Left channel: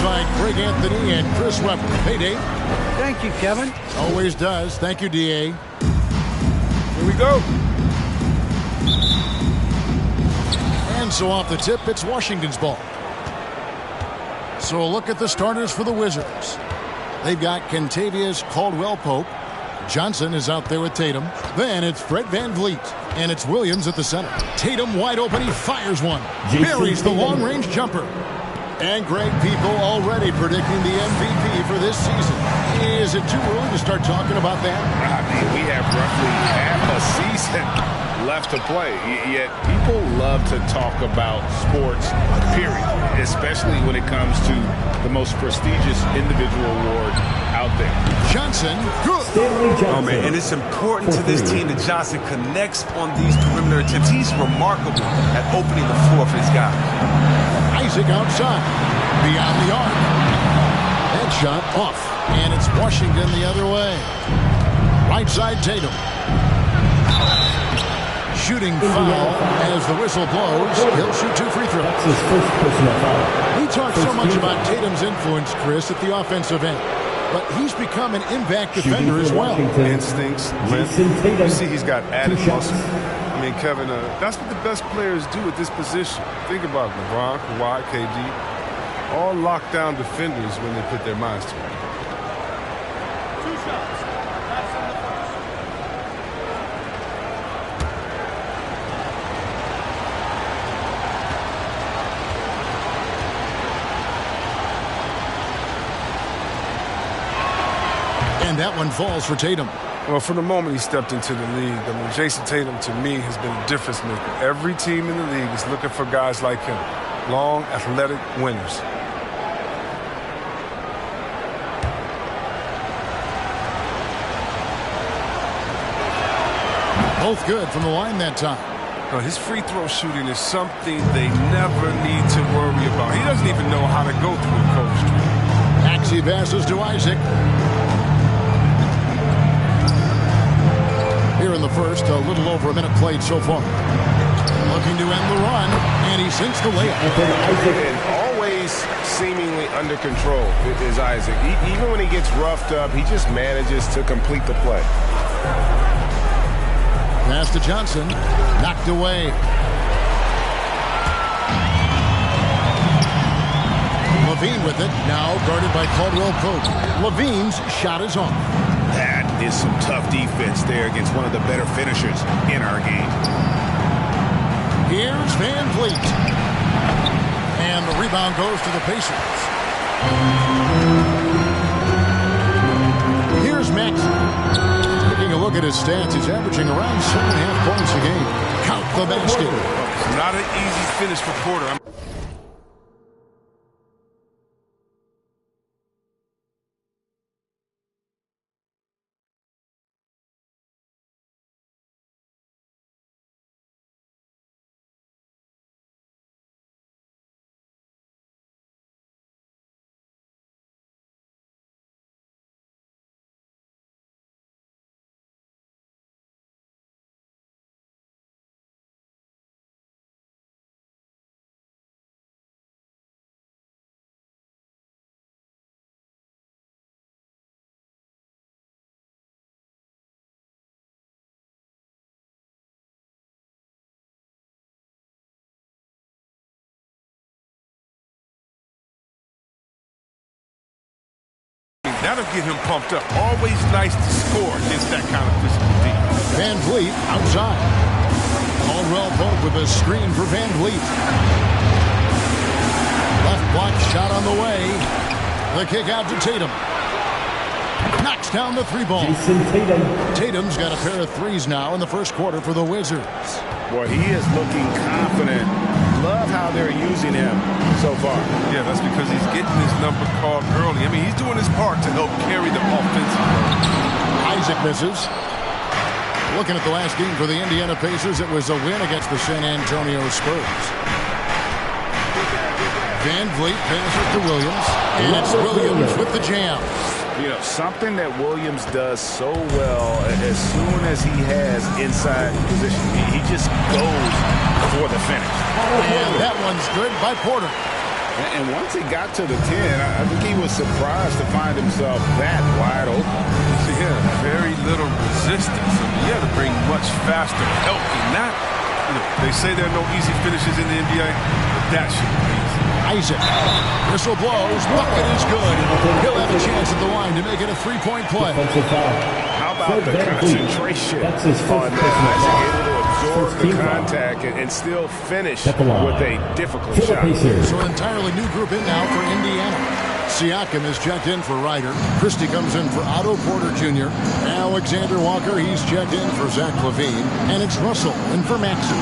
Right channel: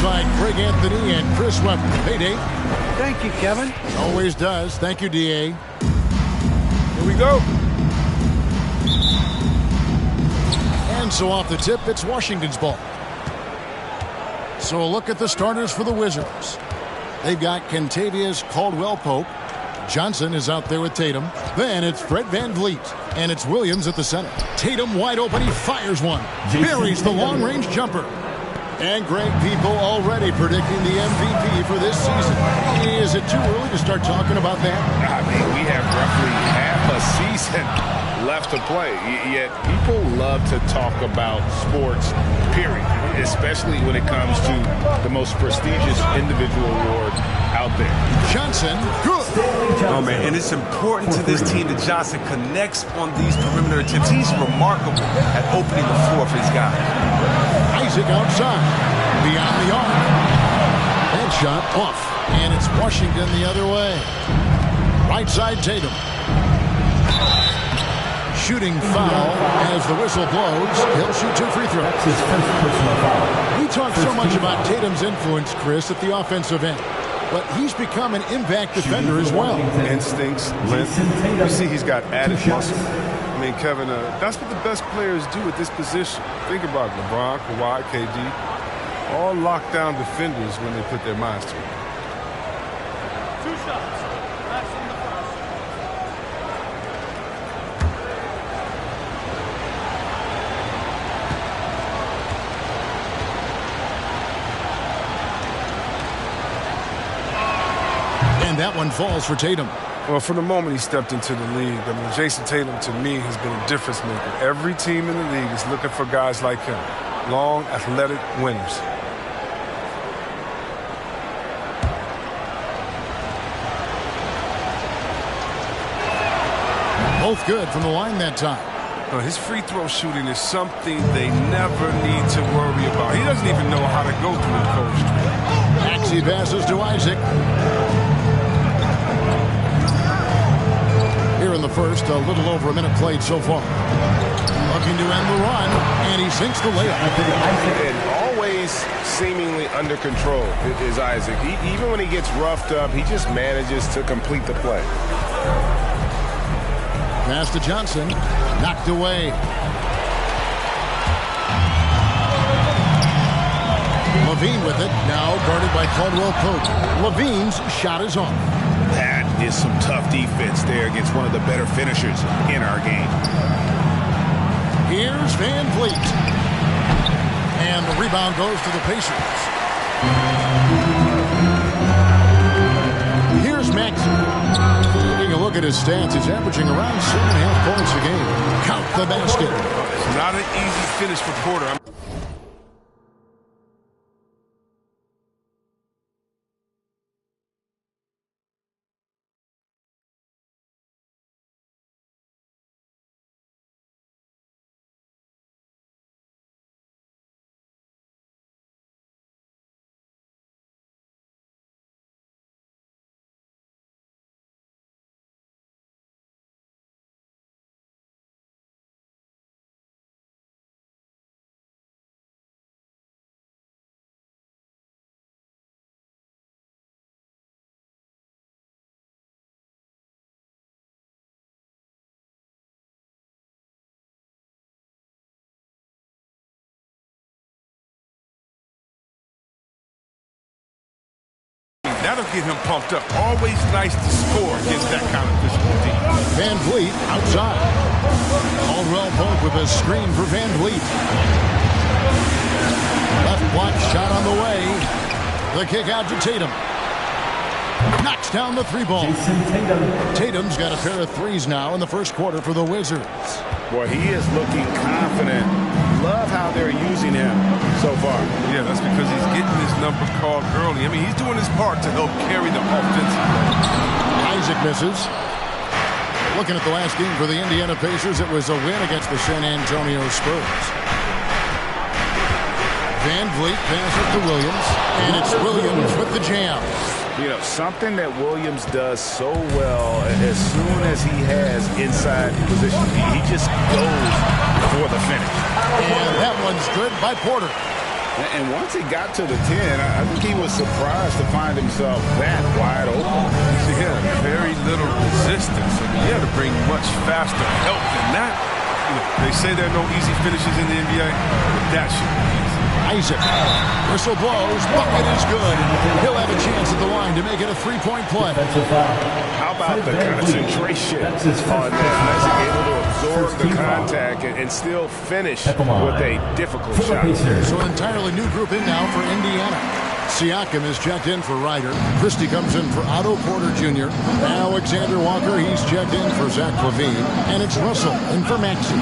alongside Craig Anthony and Chris Webber. Hey, Dave. Thank you, Kevin. Always does. Thank you, D.A. Here we go. And so off the tip, it's Washington's ball. So a look at the starters for the Wizards. They've got Kentavious Caldwell-Pope. Johnson is out there with Tatum. Then it's Fred VanVleet. And it's Williams at the center. Tatum wide open. He fires one. Buries the long-range jumper. And Greg, people already predicting the MVP for this season. Is it too early to start talking about that? I mean, we have roughly half a season left to play. Yet people love to talk about sports, period. Especially when it comes to the most prestigious individual award out there. Johnson, good. Oh, man, and it's important to this team that Johnson connects on these perimeter attempts. He's remarkable at opening the floor for his guys. Isaac outside. Beyond the arc. That shot off. And it's Washington the other way. Right side Tatum. Shooting foul as the whistle blows. He'll shoot 2 free throws. That's his first personal foul. We talk so much about Tatum's influence, Chris, at the offensive end. But he's become an impact defender as well. Instincts, length. You see he's got added muscle. I mean, Kevin, that's what the best players do at this position. Think about LeBron, Kawhi, KD. All lockdown defenders when they put their minds to it. 2 shots. That's on the first. And that one falls for Tatum. Well, from the moment he stepped into the league, I mean, Jason Tatum, to me, has been a difference maker. Every team in the league is looking for guys like him. Long, athletic winners. Both good from the line that time. His free throw shooting is something they never need to worry about. He doesn't even know how to go through the cold street. Maxey passes to Isaac. Here in the first, a little over a minute played so far. Looking to end the run, and he sinks the layup. And always seemingly under control is Isaac. Even when he gets roughed up, he just manages to complete the play. Pass to Johnson. Knocked away. Levine with it. Now guarded by Caldwell-Pope. Levine's shot is off. That is some tough defense there against one of the better finishers in our game. Here's VanVleet. And the rebound goes to the Pacers. Here's Maxey. Taking a look at his stats, he's averaging around 7.5 points a game. Count the basket. It's not an easy finish for Porter. That'll get him pumped up. Always nice to score against that kind of physical team. VanVleet outside. Caldwell-Pope with a screen for VanVleet. Left block shot on the way. The kick out to Tatum. Knocks down the 3-ball. Jason Tatum. Tatum's got a pair of threes now in the first quarter for the Wizards. Boy, he is looking confident. Love how they're using him so far. Yeah, that's because he's getting his number called early. I mean, he's doing his part to help carry the offensive load. Isaac misses. Looking at the last game for the Indiana Pacers, it was a win against the San Antonio Spurs. VanVleet passes to Williams, and it's Williams with the jam. You know, something that Williams does so well, as soon as he has inside position, he just goes for the finish. And that one's good by Porter. And once he got to the 10, I think he was surprised to find himself that wide open. Yeah, very little resistance. I mean, you had to bring much faster help than that. You know, they say there are no easy finishes in the NBA, but that should be easy. Isaac. Whistle blows. Bucket is good. He'll have a chance at the line to make it a three-point play. How about the concentration on that? Isaac able to absorb the contact and still finish with a difficult shot. So an entirely new group in now for Indiana. Siakam is checked in for Ryder. Christie comes in for Otto Porter Jr. Alexander Walker, he's checked in for Zach LaVine. And it's Russell in for Maxey.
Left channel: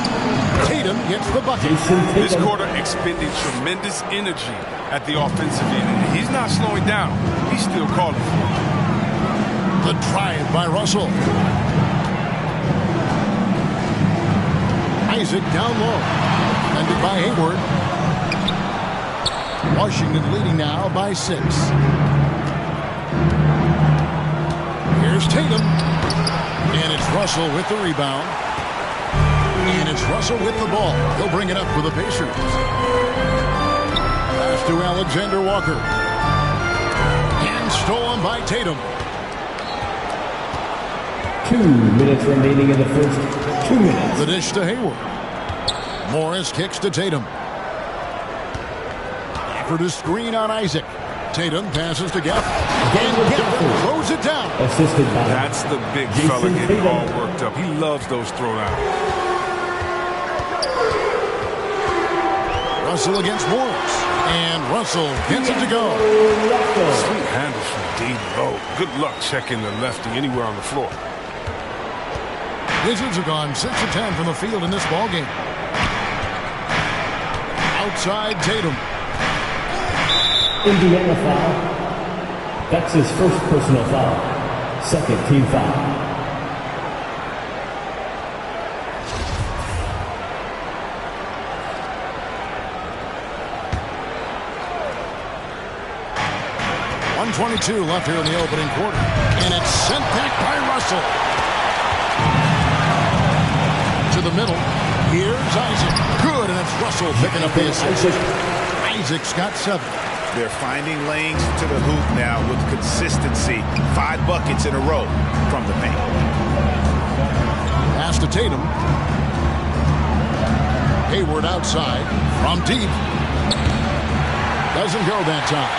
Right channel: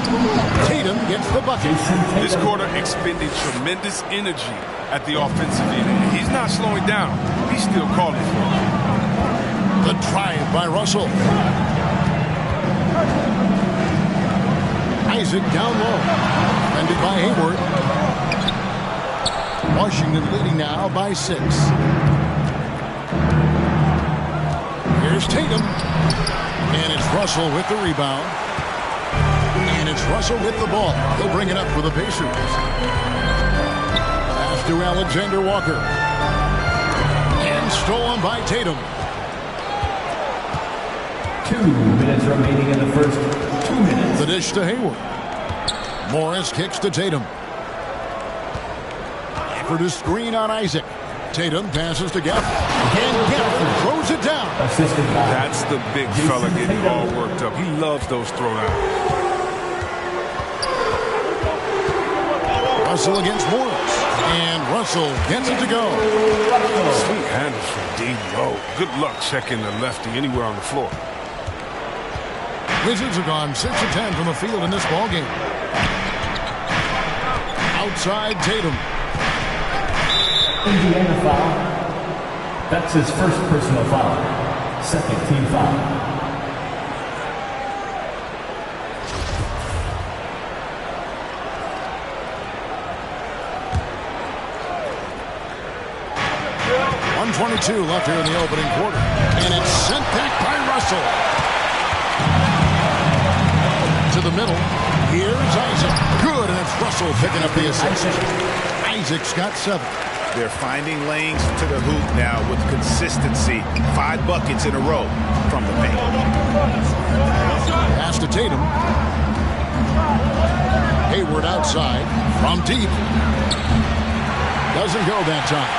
Tatum gets the bucket. This quarter expending tremendous energy at the offensive end. He's not slowing down. He's still calling for it. The drive by Russell. Isaac down low. Defended by Hayward. Washington leading now by 6. Here's Tatum. And it's Russell with the rebound. And it's Russell with the ball. He'll bring it up for the Pacers. Pass to Alexander Walker. And stolen by Tatum. 2 minutes remaining in the first 2 minutes. The dish to Hayward. Morris kicks to Tatum. Gafford to screen on Isaac. Tatum passes to Gafford. And Gafford throws it down. Assisted by That's the big fella getting all worked up. He loves those throwdowns. Russell against Morris. And Russell gets it to go. Sweet handles from D-Low. Good luck checking the lefty anywhere on the floor. Wizards have gone 6 of 10 from the field in this ballgame. Outside Tatum. Indiana foul. That's his first personal foul. Second team foul. .122 left here in the opening quarter. And it's sent back by Russell. To the middle. Here's Isaac. Good, and it's Russell picking up the assist. Isaac's got 7. They're finding lanes to the hoop now with consistency. 5 buckets in a row from the paint. Pass to Tatum. Hayward outside from deep. Doesn't go that time.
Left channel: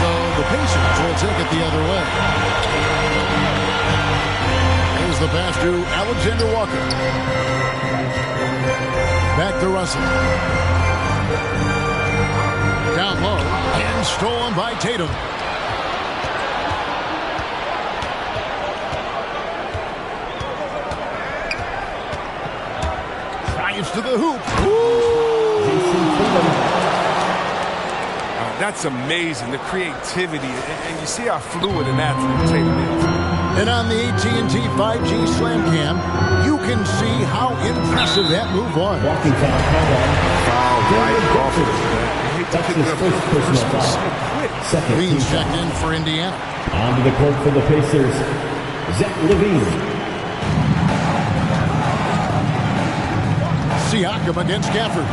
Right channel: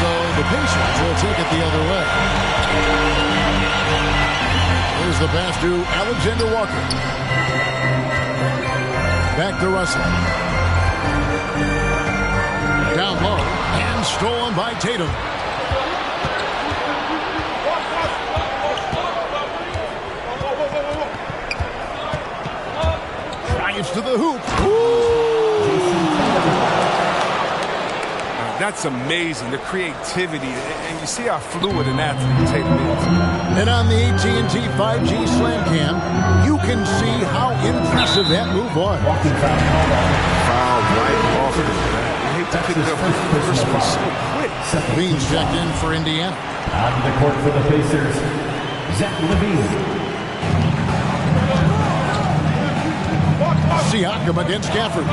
So the Pacers will take it the other way. Here's the pass to Alexander Walker. Back to Russell. Down low and stolen by Tatum. Drives to the hoop. Jason Tatum. That's amazing, the creativity, and you see how fluid an athlete Tatum is. And on the AT&T 5G Slam Cam, you can see how impressive that move was. Walking foul. Foul right off of that. You hate to pick up the first one so quick. Levine's checked in for Indiana. Onto the court for the Pacers. Zach LaVine. Siakam against Gafford.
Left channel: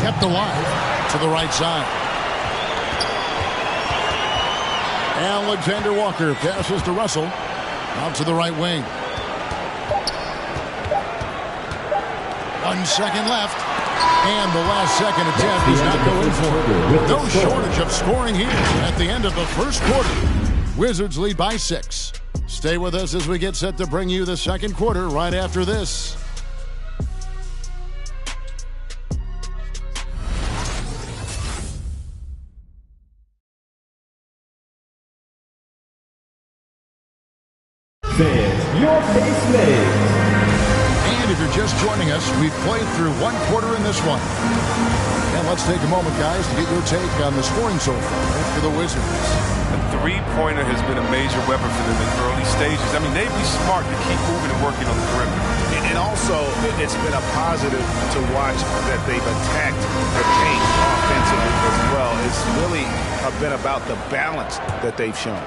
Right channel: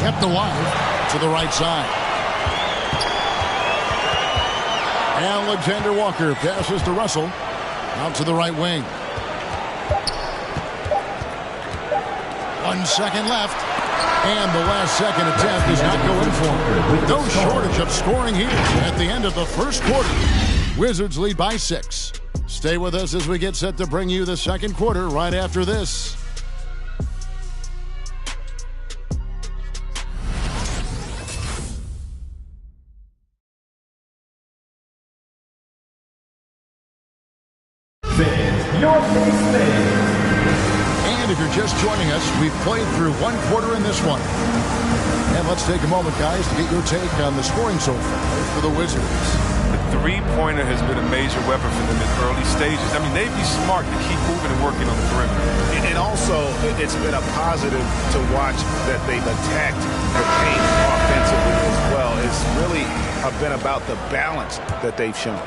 Kept alive to the right side. Alexander Walker passes to Russell. Out to the right wing. 1 second left. And the last second attempt does not go in for it. No shortage of scoring here at the end of the first quarter. Wizards lead by 6. Stay with us as we get set to bring you the second quarter right after this. Fans, your pace fans. And if you're just joining us, we've played through 1 quarter in this one. And let's take a moment, guys, to get your take on the scoring so far for the Wizards. The three-pointer has been a major weapon for them in early stages. I mean, they'd be smart to keep moving and working on the perimeter. And also, it's been a positive to watch that they've attacked the paint offensively as well. It's really been about the balance that they've shown.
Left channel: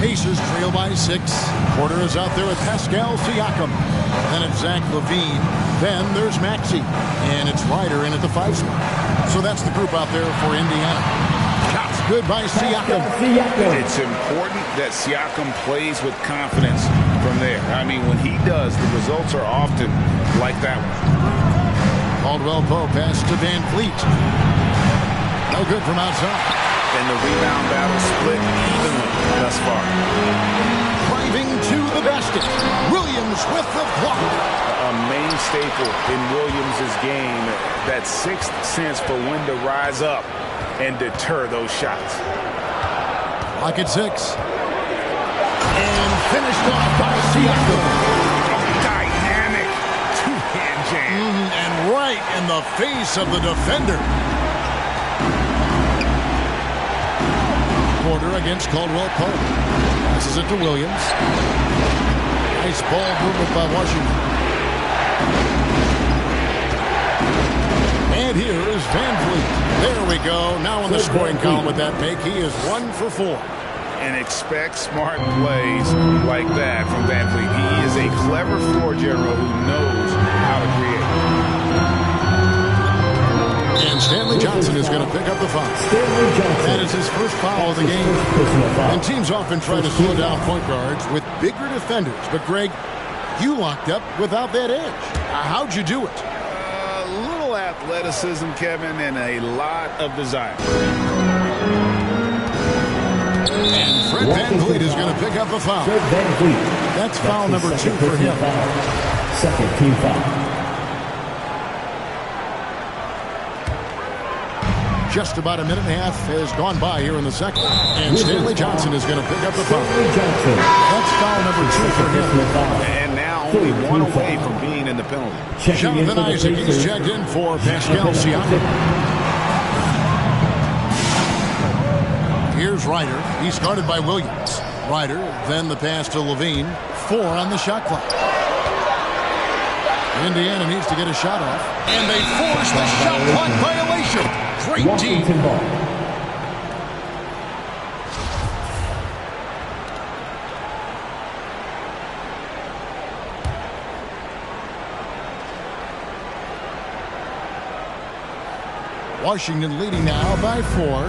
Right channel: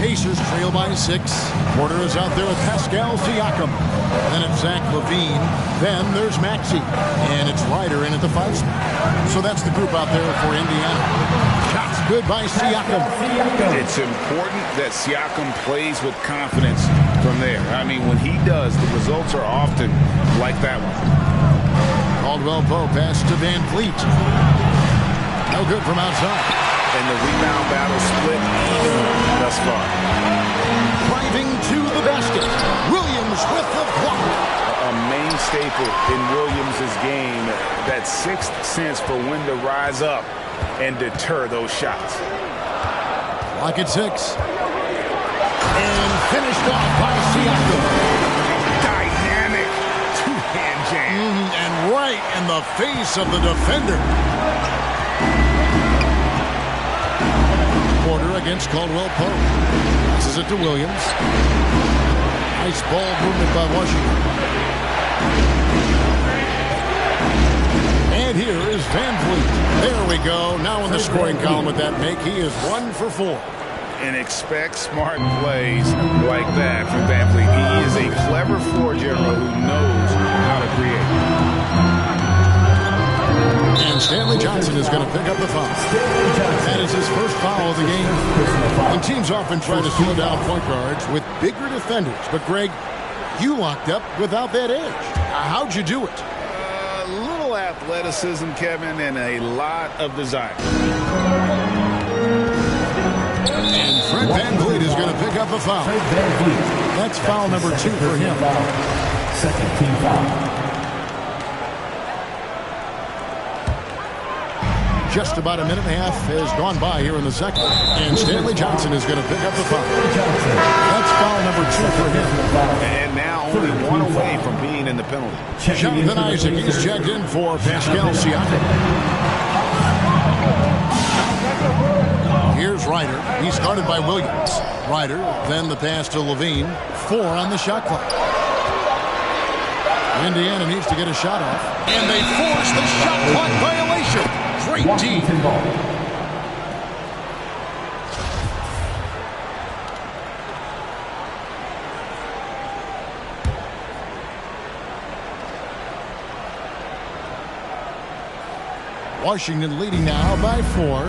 Pacers trail by 6. Porter is out there with Pascal Siakam. Then it's Zach LaVine. Then there's Maxey. And it's Ryder in at the 5 spot. So that's the group out there for Indiana. Shots good by Siakam. It's important that Siakam plays with confidence from there. I mean, when he does, the results are often like that one. Caldwell Pope pass to Van Vliet. No good from outside. And the rebound battle split evenly thus far. Driving to the basket. Williams with the block. A main staple in Williams' game, that sixth sense for when to rise up and deter those shots. Clock at 6. And finished off by Siakam. Dynamic two-hand jam. And right in the face of the defender. Porter against Caldwell Pope. Passes it to Williams. Nice ball movement by Washington. And here is Van Vliet. There we go. Now in the scoring column with that make. He is 1 for 4. And expect smart plays like that from Van Vliet. He is a clever floor general who knows how to create. And Stanley Johnson is going to pick up the foul. That is his first foul of the game. And teams often try to slow down point guards with bigger defenders. But, Greg, you locked up without that edge. How'd you do it? A little athleticism, Kevin, and a lot of desire. And Fred Van Vliet is going to pick up the foul. Fred Van Vliet. That's foul number 2 for him. Second team foul. Just about a minute and a half has gone by here in the second. And Stanley Johnson is going to pick up the foul. That's foul number 2 for him. And now only 1 away from being in the penalty. Jonathan Isaac, he's checked in for Pascal Siakam. Here's Ryder. He's guarded by Williams. Ryder, then the pass to Levine. 4 on the shot clock. Indiana needs to get a shot off. And they force the shot clock violation. Great Washington D. ball. Washington leading now by 4.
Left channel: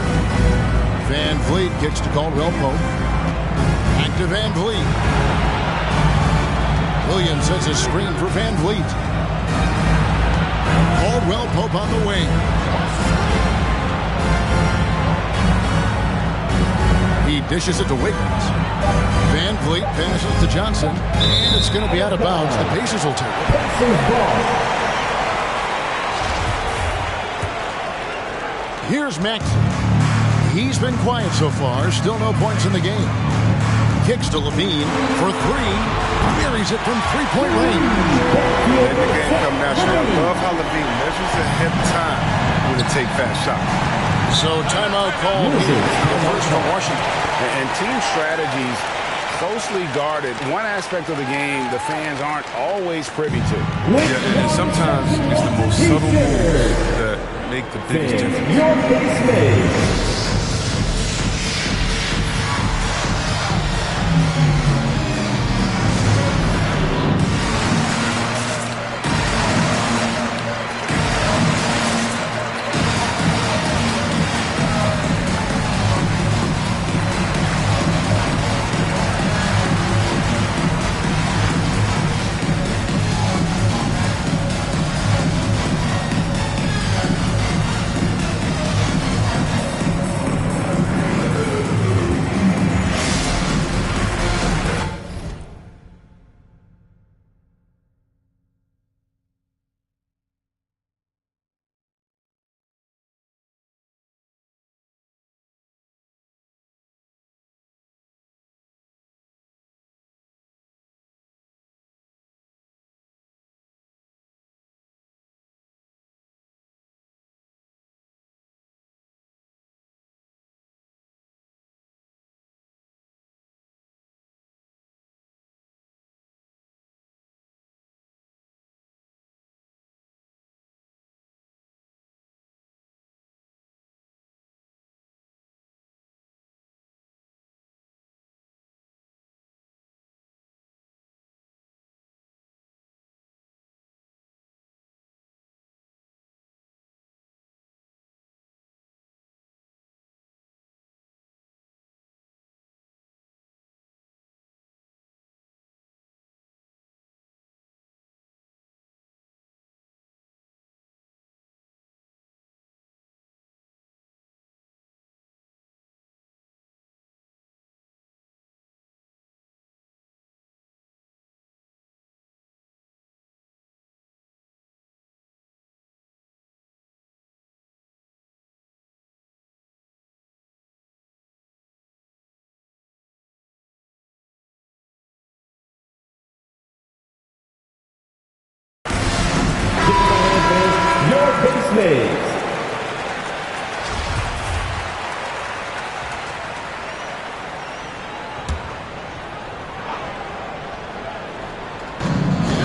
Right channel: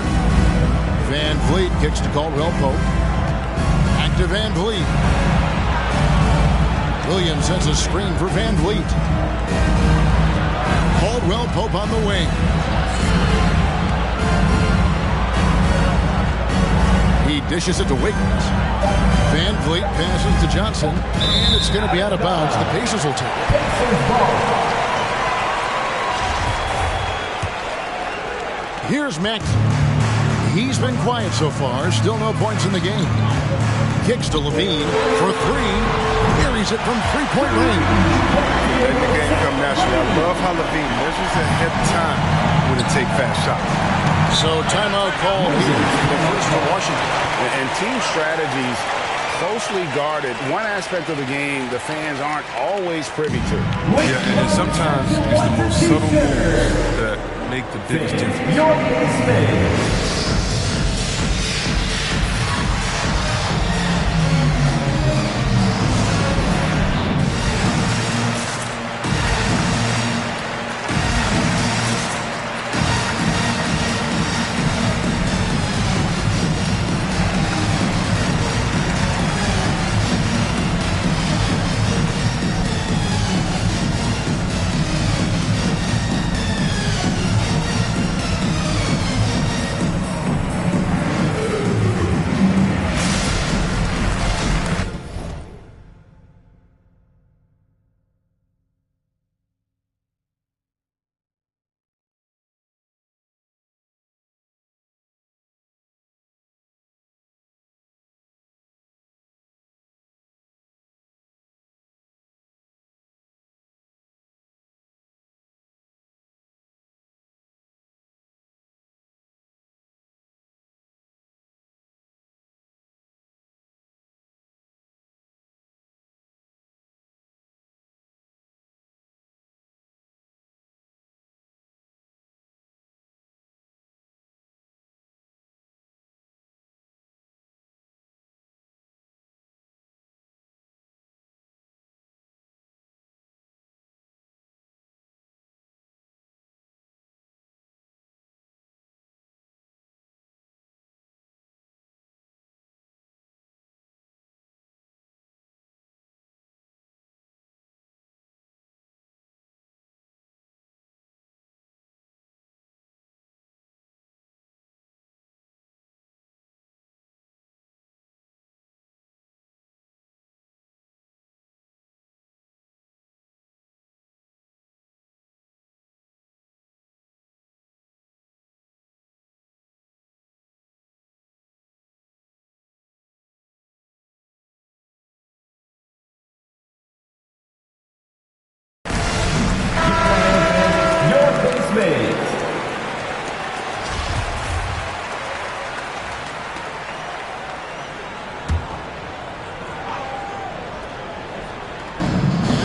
Van Vliet kicks to Caldwell Pope. Back to Van Vliet. Williams sets a screen for Van Vliet. Caldwell Pope on the wing. He dishes it to Wiggins. Van Vliet passes to Johnson. And it's going to be out of bounds. The Pacers will take it. Pacers ball. Here's Maxey. He's been quiet so far. Still no points in the game. Kicks to Levine for 3. Buries it from three-point range. Letting the game come naturally. I love how Levine measures ahead of time when to take fast shots. So timeout called here. The first for Washington. And team strategies closely guarded. One aspect of the game the fans aren't always privy to. Yeah, and sometimes it's the most subtle moves that make the biggest difference. Your base made.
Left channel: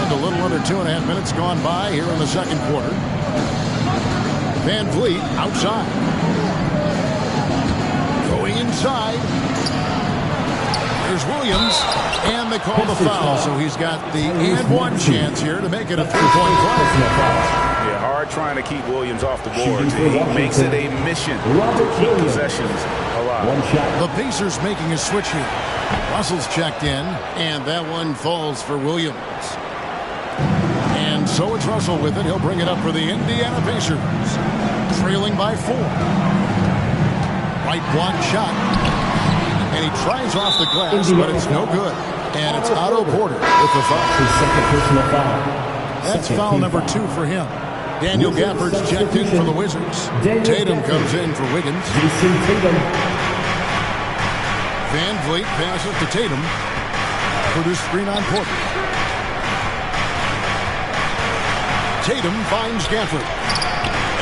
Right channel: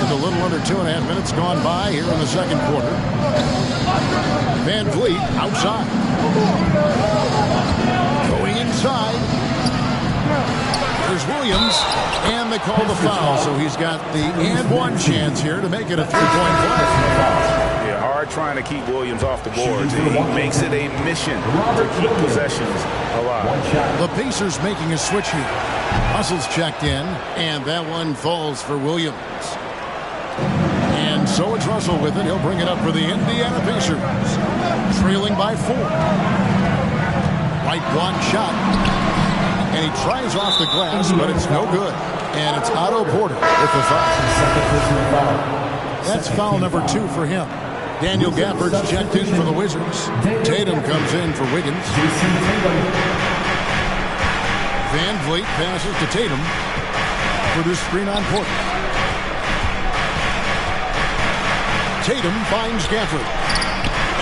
And a little under 2.5 minutes gone by here in the second quarter. Van Vliet outside. Going inside. There's Williams. And they call the foul, so he's got the and one chance here to make it a three-point play. Yeah, hard trying to keep Williams off the boards. He makes it a mission to keep possessions alive. The Pacers making a switch here. Russell's checked in, and that one falls for Williams. And so it's Russell with it. He'll bring it up for the Indiana Pacers. Trailing by 4. Right block shot. And he tries off the glass, but it's no good. And it's Otto Porter with the foul. His second personal foul. That's foul number 2 for him. Daniel Gafford's checked in for the Wizards. Tatum comes in for Wiggins. Jason Tatum. Van Vliet passes to Tatum. Produced screen on Porter. Tatum finds Gafford.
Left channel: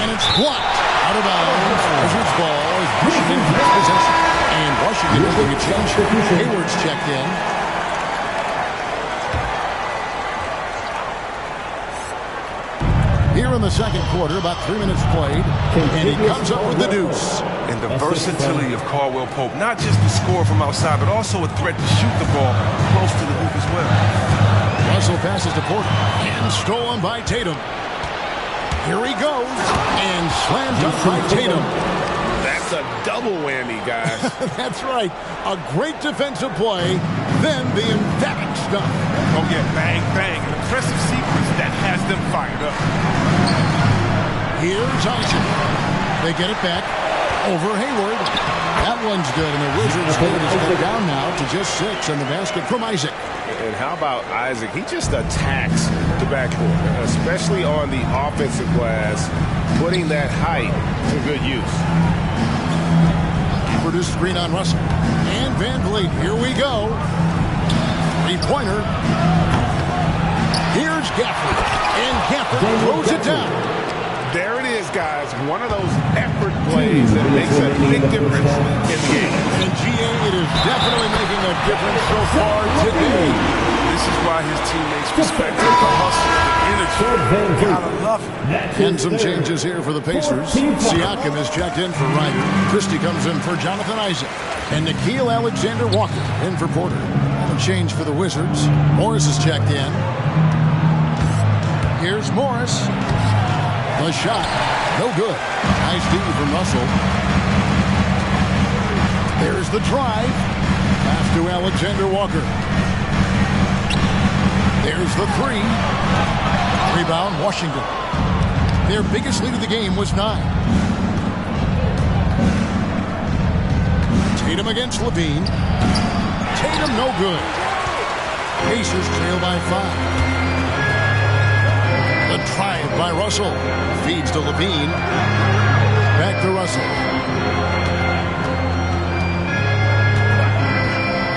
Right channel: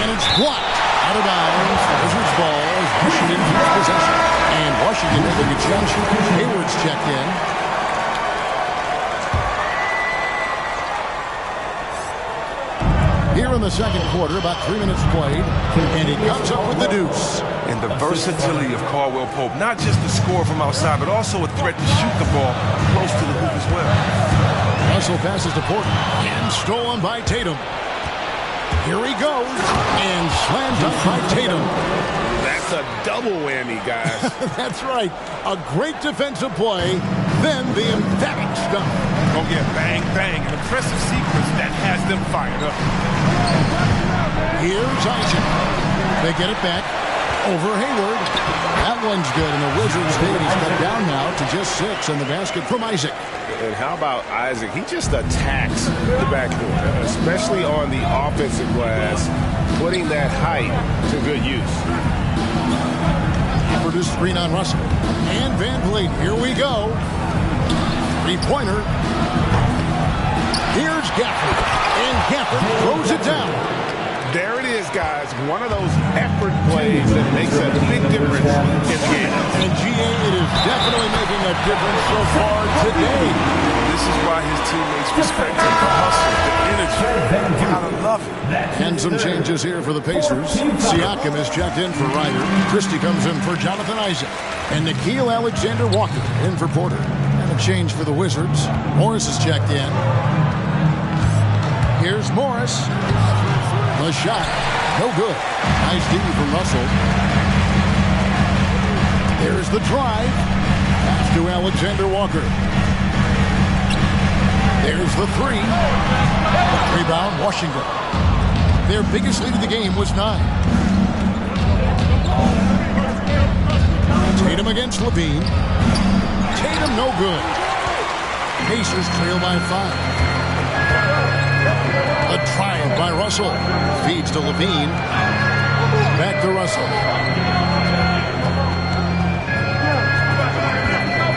And it's blocked. Out of bounds. Wizards ball as Washington keeps possession. And Washington making a change. Hayward's checked in. Here in the second quarter, about 3 minutes played, and he comes up with the deuce. And the versatility of Caldwell Pope, not just the score from outside, but also a threat to shoot the ball close to the hoop as well. Russell passes to Porter, and stolen by Tatum. Here he goes, and slam dunk by Tatum. That's a double whammy, guys. That's right. A great defensive play, then the emphatic stuff. Oh, yeah, bang, bang. An impressive sequence that has them fired up. Here's Isaac. They get it back over Hayward. That one's good, and the Wizards lead is cut down now to just 6 in the basket from Isaac. And how about Isaac? He just attacks the backcourt, especially on the offensive glass, putting that height to good use. Produced screen on Russell. And Van Vliet, here we go. Three-pointer. Here's Gafford. And Gafford throws it down. There it is, guys. One of those effort plays that makes a big difference in the game. And GA, it is definitely making a difference so far today. This is why his teammates respect him. The hustle, the energy. Gotta love it. And some changes here for the Pacers. Siakam is checked in for Ryder. Christie comes in for Jonathan Isaac. And Nickeil Alexander-Walker in for Porter. And a change for the Wizards. Morris is checked in. Here's Morris. The shot, no good. Nice D from Russell. There's the drive. Pass to Alexander-Walker. There's the 3. Rebound, Washington. Their biggest lead of the game was 9. Tatum against Levine. Tatum, no good. Pacers trail by 5. The drive by Russell. Feeds to Levine. Back to Russell.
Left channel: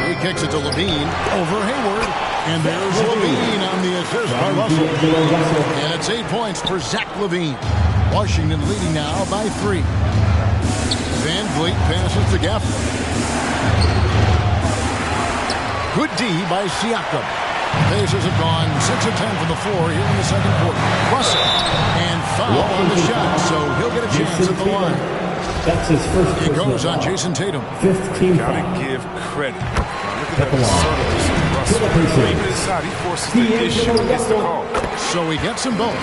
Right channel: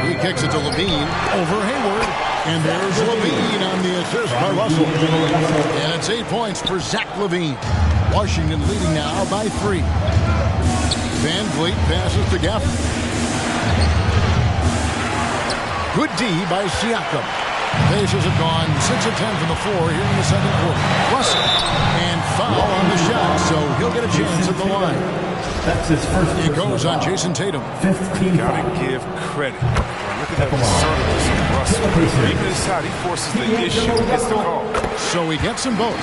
He kicks it to Levine. Over Hayward. And there's Levine on the assist by Russell. And it's 8 points for Zach Levine. Washington leading now by 3. Van Vliet passes to Gafford. Good D by Siakam. Pacers have gone 6 of 10 from the floor here in the second quarter. Russell, and foul on the shot, so he'll get a chance at the line. That's his first. It goes on Jason Tatum. 15 Gotta give credit. Look at that assertiveness of Russell. Even inside, he forces the issue and gets the call. So he gets them both.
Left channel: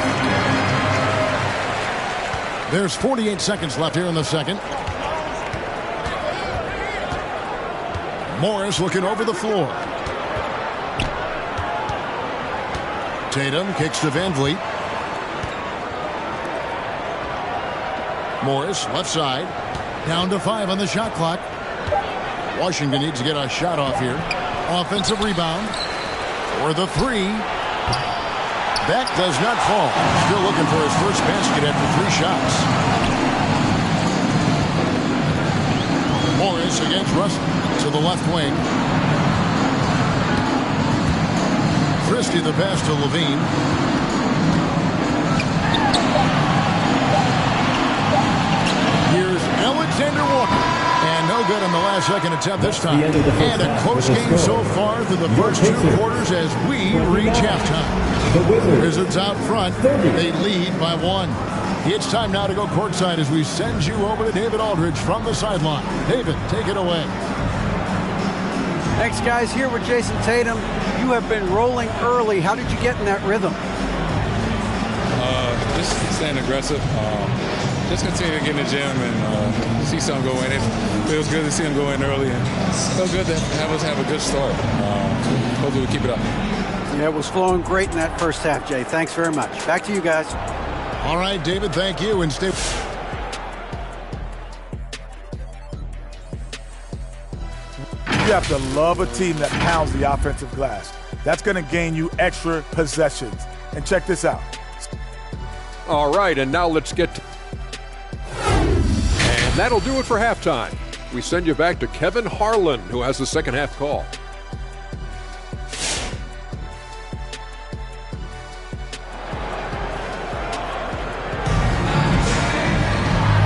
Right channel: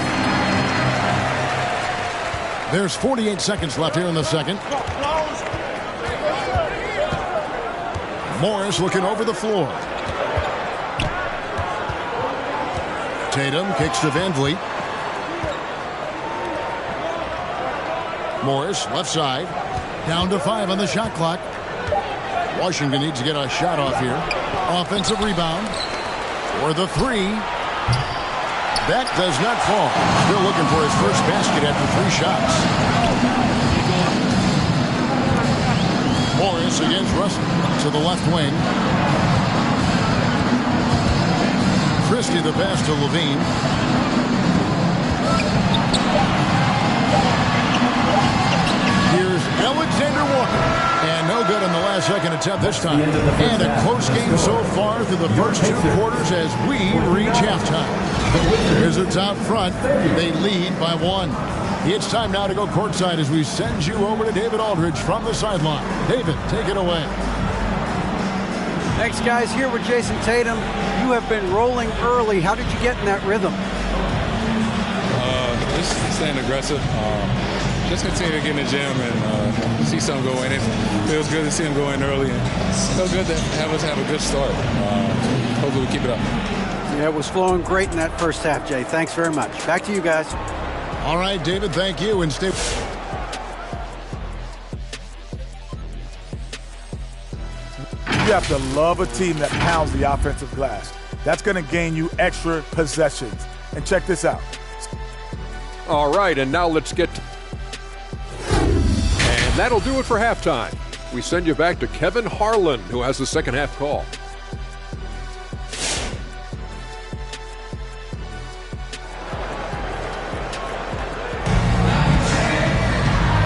There's 48 seconds left here in the second. Morris looking over the floor. Tatum kicks to Van Vliet. Morris, left side. Down to 5 on the shot clock. Washington needs to get a shot off here. Offensive rebound. For the 3. That does not fall. Still looking for his first basket after 3 shots. Morris against Russell to the left wing. Christie the pass to Levine. Here's Alexander Walker. And no good on the last second attempt this time. And a close game so far through the first 2 quarters as we reach halftime. Wizards out front. They lead by 1. It's time now to go courtside as we send you over to David Aldridge from the sideline. David, take it away. Thanks, guys. Here with Jason Tatum. You have been rolling early. How did you get in that rhythm? Just staying aggressive. Just continue to get in the gym and see something go in. It feels good to see him go in early, and it feels good to have us have a good start. Hopefully we keep it up. Yeah, it was flowing great in that first half, Jay. Thanks very much. Back to you guys. All right, David, thank you. And stay. You have to love a team that pounds the offensive glass. That's going to gain you extra possessions. And check this out. All right, and now let's get to... And that'll do it for halftime. We send you back to Kevin Harlan, who has the second half call.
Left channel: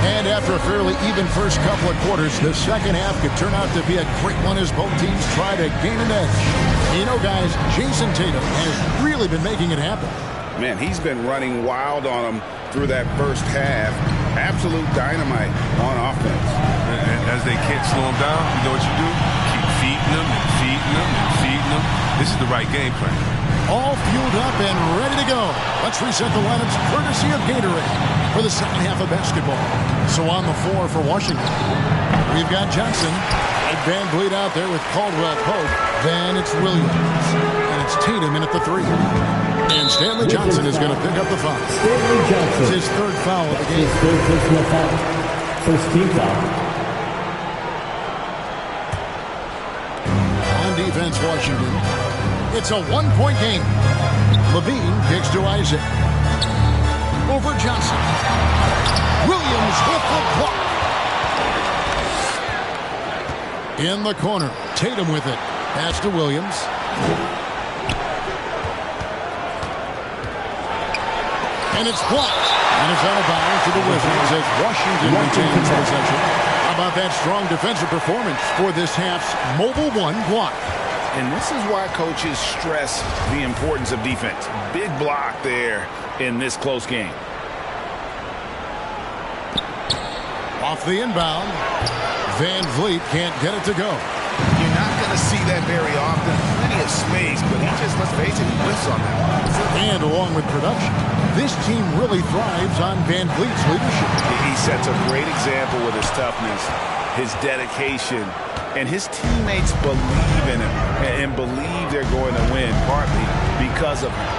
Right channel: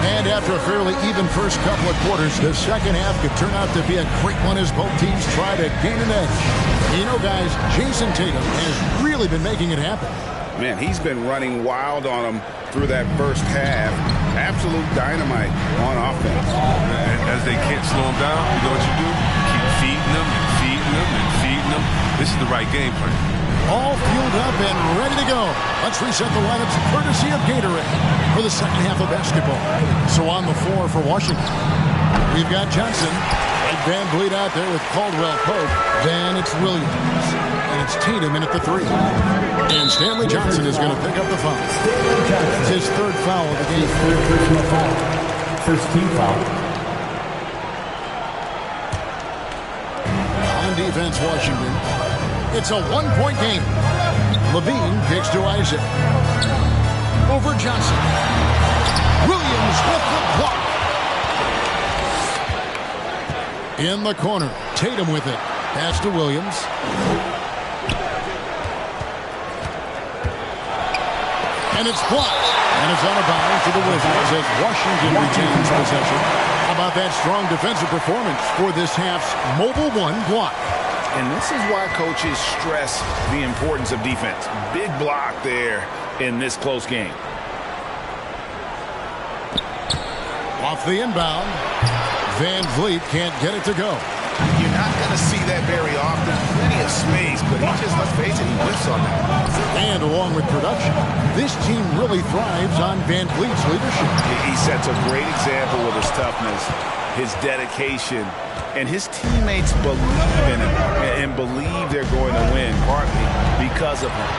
And after a fairly even first couple of quarters, the second half could turn out to be a great one as both teams try to gain an edge. You know, guys, Jason Tatum has really been making it happen. Man, he's been running wild on them through that first half. Absolute dynamite on offense. And as they can't slow him down, you know what you do? Keep feeding them and feeding them and feeding them. This is the right game plan. All fueled up and ready to go. Let's reset the lineups courtesy of Gatorade for the second half of basketball. So on the floor for Washington, we've got Johnson and Van Vliet out there with Caldwell Pope. Then it's Williams. And it's Tatum in at the 3. And Stanley Johnson is going to pick up the foul. Stanley Johnson. It's his 3rd foul of the game. His 3rd personal foul. First team foul. On defense, Washington. It's a 1-point game. Levine kicks to Isaac. Over Johnson. Williams with the block. In the corner. Tatum with it. Pass to Williams. And it's blocked. And it's out of bounds to the Wizards as Washington retains possession. How about that strong defensive performance for this half's Mobile One block? And this is why coaches stress the importance of defense. Big block there in this close game. Off the inbound. Van Vliet can't get it to go. You're not going to see that very often. Plenty of space, but he just, let's face it, he whiffs on that one. And along with production, this team really thrives on Van Vliet's leadership. He sets a great example with his toughness, his dedication, and his teammates believe in him and believe they're going to win, partly because of him.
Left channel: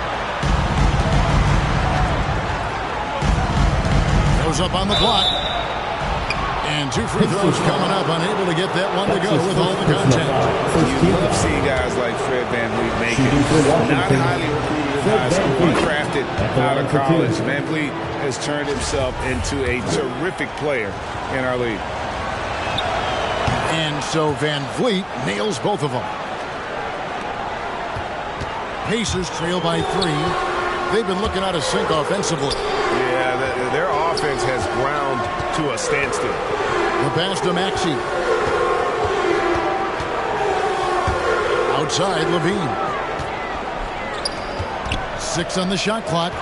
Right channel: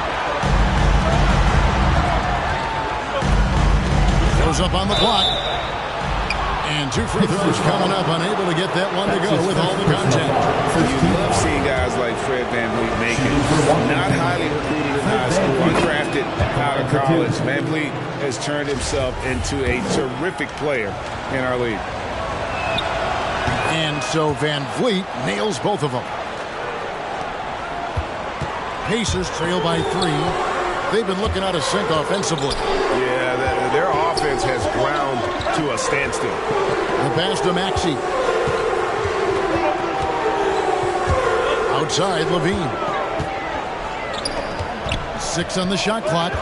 Goes up on the block. And 2 free throws coming up, unable to get that one to go with all the contact. You love seeing guys like Fred VanVleet make it. Not highly recruited in high school, undrafted out of college. VanVleet has turned himself into a terrific player in our league. And so VanVleet nails both of them. Pacers trail by 3. They've been looking out of sync offensively. Yeah, their offense has ground to a standstill. The pass to Maxey. Outside, Levine. 6 on the shot clock.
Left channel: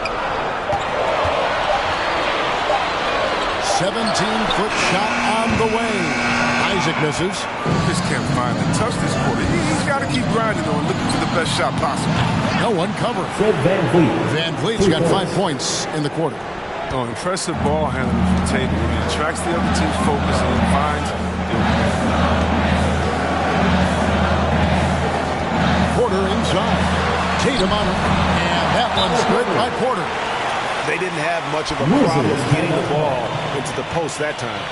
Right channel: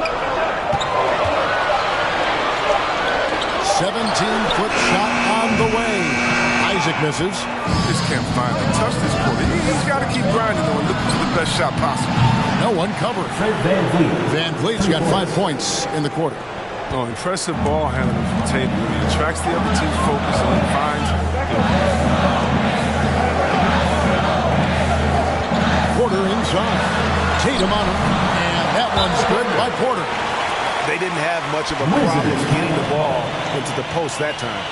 17-foot shot on the way. Isaac misses. Just can't finally touch this quarter. He's got to keep grinding, though, and looking for the best shot possible. No one covered. Fred VanVleet. VanVleet's got 5 points in the quarter. Oh, impressive ball handling from Tatum. I mean, attracts the other team's focus and finds Porter inside. Tatum on him. And that one's good by Porter. They didn't have much of a problem getting the ball into the post that time.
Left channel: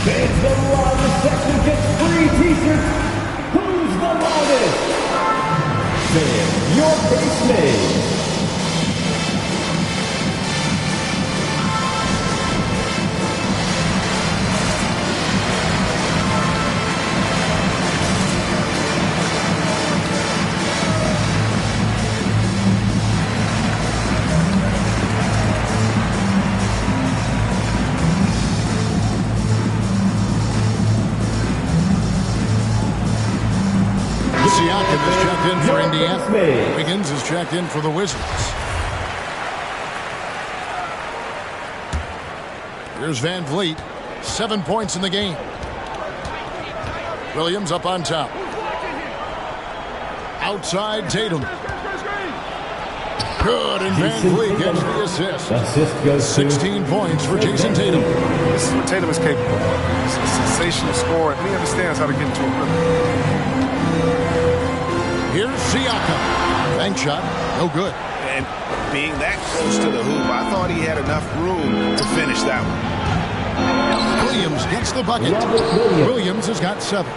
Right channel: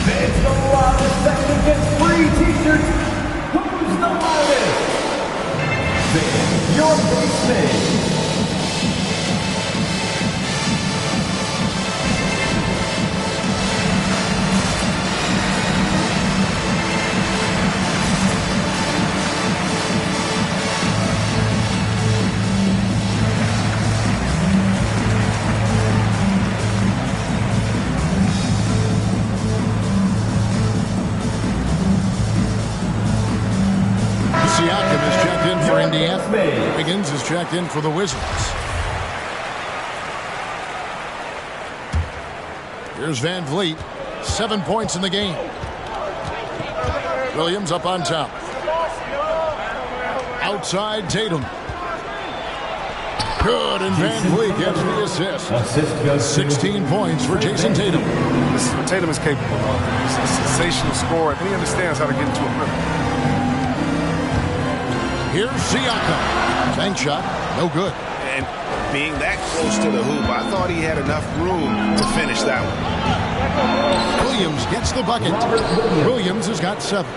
Fans the loudest section gets free t-shirts. Who's the loudest? Fan your base made. Siakam is checked in for Indiana. Wiggins is checked in for the Wizards. Here's Van Vliet. 7 points in the game. Williams up on top. Outside Tatum. Good, and Van Vliet gets the assist. 16 points for Jason Tatum. This is what Tatum is capable of. He's a sensational scorer, and he understands how to get into a rhythm. Here's Siakam. Bank shot, no good. And being that close to the hoop, I thought he had enough room to finish that one. Williams gets the bucket. Williams has got 7.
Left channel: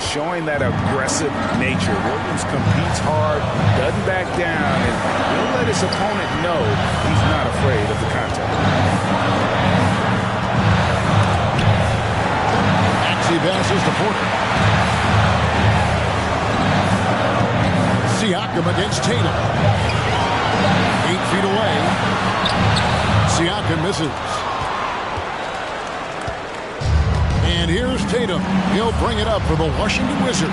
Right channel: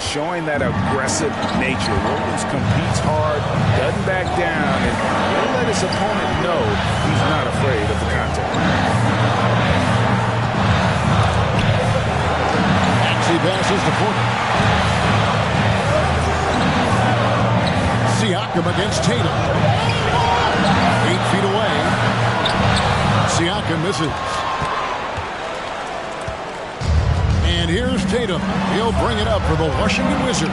Showing that aggressive nature. Williams competes hard, doesn't back down, and he'll let his opponent know he's not afraid of the contact. Maxey passes to Porter. Siakam against Tatum. 8 feet away. Siakam misses. And here's Tatum. He'll bring it up for the Washington Wizards.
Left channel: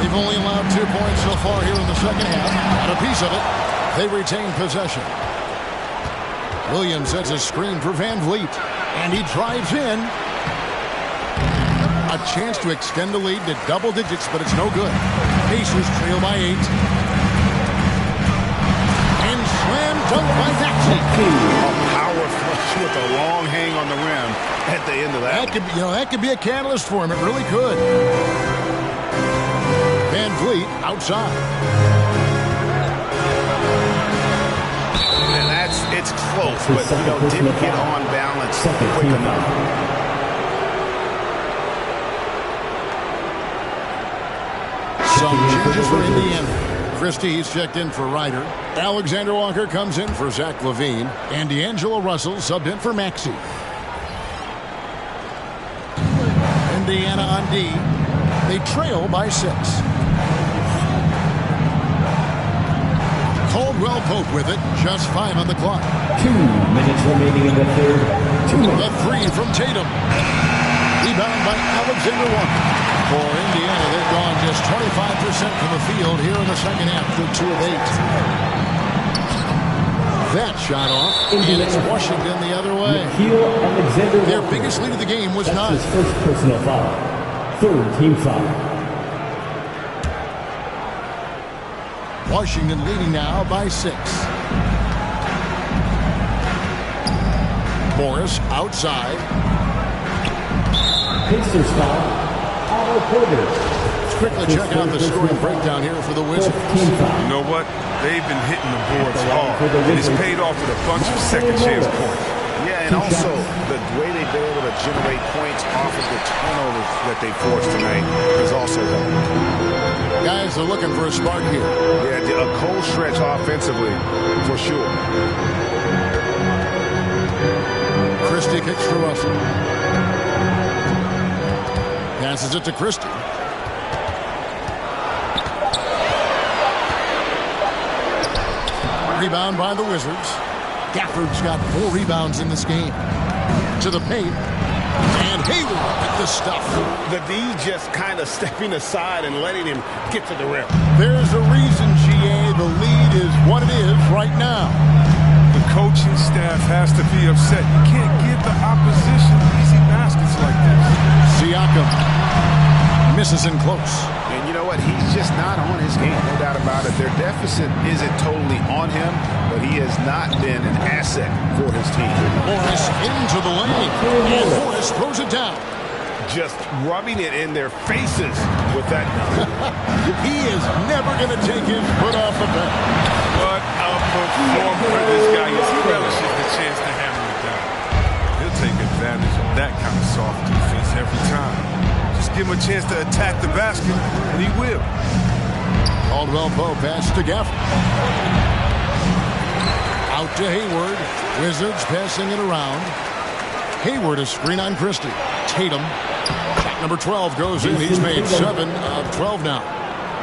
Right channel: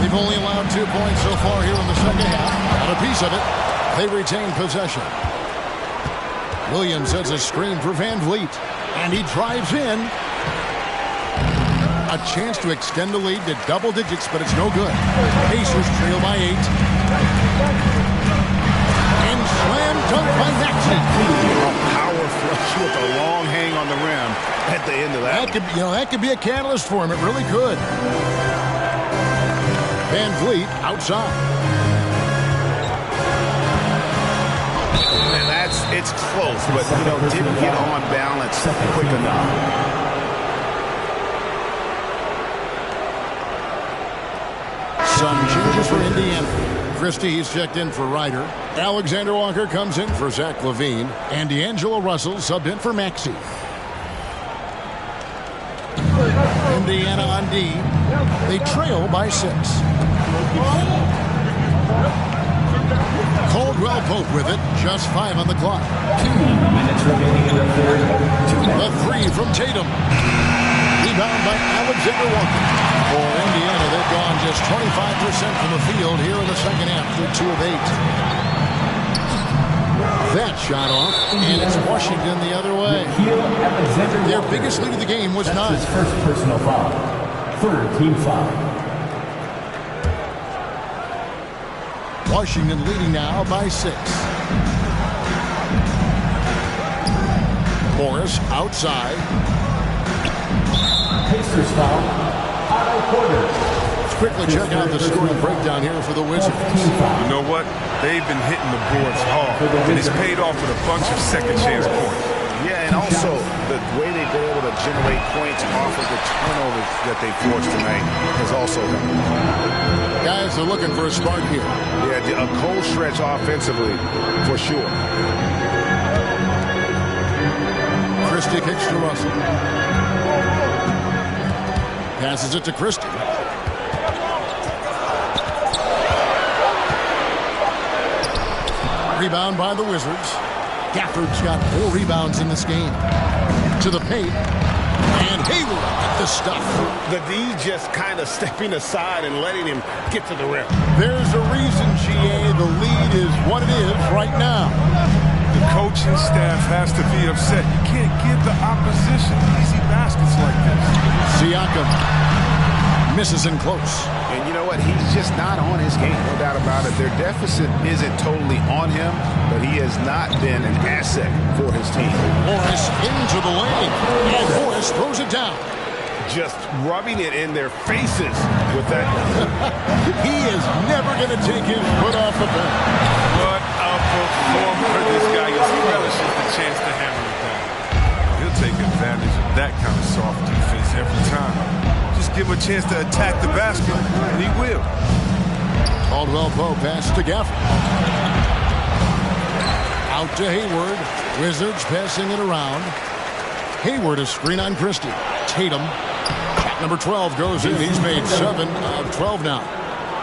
They've only allowed 2 points so far here in the second half. Got a piece of it. They retain possession. Williams sets a screen for Van Vliet. And he drives in. A chance to extend the lead to double digits, but it's no good. Pacers trail by 8. And slam dunk by Maxey. A power flush with a long hang on the rim at the end of that. That could be a catalyst for him. It really could. Van Vliet outside. And it's close, but didn't get on balance quick enough. Some changes for Indiana. Christie, he's checked in for Ryder. Alexander Walker comes in for Zach LaVine. And D'Angelo Russell subbed in for Maxey. Indiana on D. They trail by 6. Caldwell Pope with it. Just 5 on the clock. 2 minutes remaining in the third. The 3 from Tatum. Rebound by Alexander Walker. For Indiana, they've gone just 25% from the field here in the second half. They're 2 of 8. That shot off, and it's Washington the other way. Their biggest lead of the game was 9. His first personal foul. 3rd team foul. Washington leading now by 6. Morris outside. Pacers foul. Otto Porter. Let's quickly check out the scoring breakdown here for the Wizards. You know what? They've been hitting the boards hard, and it's paid off with a bunch of second-chance points. Yeah, and also the way they've been able to generate points off of the turnovers that they forced tonight has also helped. Guys are looking for a spark here. Yeah, a cold stretch offensively, for sure. Christie kicks to Russell. Passes it to Christie. Rebound by the Wizards. Gafford's got 4 rebounds in this game. To the paint. And Hayward at the stuff. The D just kind of stepping aside and letting him get to the rim. There's a reason, GA, the lead is what it is right now. The coaching staff has to be upset. You can't give the opposition easy baskets like this. Siakam misses in close. And you know what? He's just not on his game. No doubt about it. Their deficit isn't totally on him, but he has not been an asset for his team. Morris into the lane. And Morris throws it down. Just rubbing it in their faces with that dunk. He is never going to take his foot off the pedal. What a performer this guy is. He relishes the chance to hammer it down. He'll take advantage of that kind of soft defense every time. Just give him a chance to attack the basket, and he will. Caldwell Pope pass to Gafford. Out to Hayward. Wizards passing it around. Hayward a screen on Christie. Tatum. Shot number 12 goes in. He's made 7 of 12 now.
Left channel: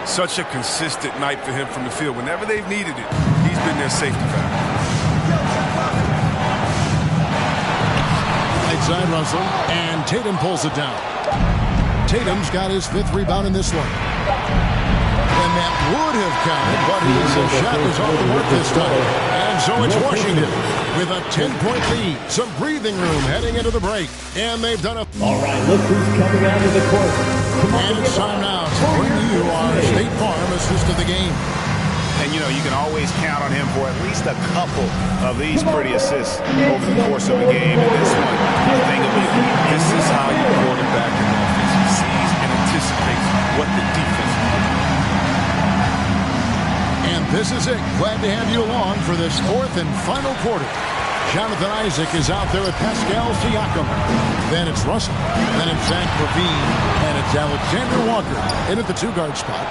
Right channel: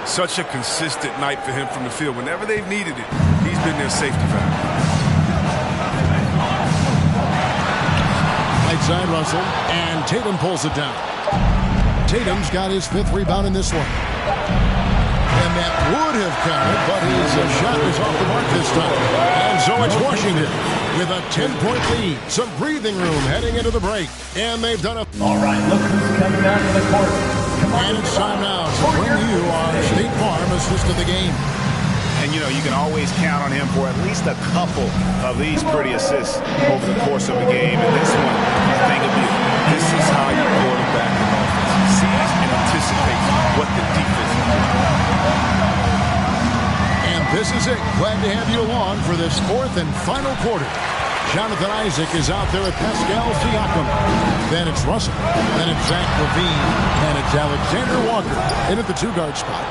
Such a consistent night for him from the field. Whenever they've needed it, he's been their safety valve. Right side Russell. And Tatum pulls it down. Tatum's got his 5th rebound in this one. And that would have counted, but his shot was off the mark this time. And so it's Washington with a 10-point lead. Some breathing room heading into the break. And they've done a... All right, look who's coming out of the court. And it's time now to bring you our State Farm assist of the game. And, you know, you can always count on him for at least a couple of these pretty assists over the course of a game. And this one, a thing of beauty. This is how you quarterback an offense. He sees and anticipates what the defense is doing. And this is it. Glad to have you along for this fourth and final quarter. Jonathan Isaac is out there with Pascal Siakam. Then it's Russell. Then it's Zach LaVine. And it's Alexander Walker in at the two-guard spot.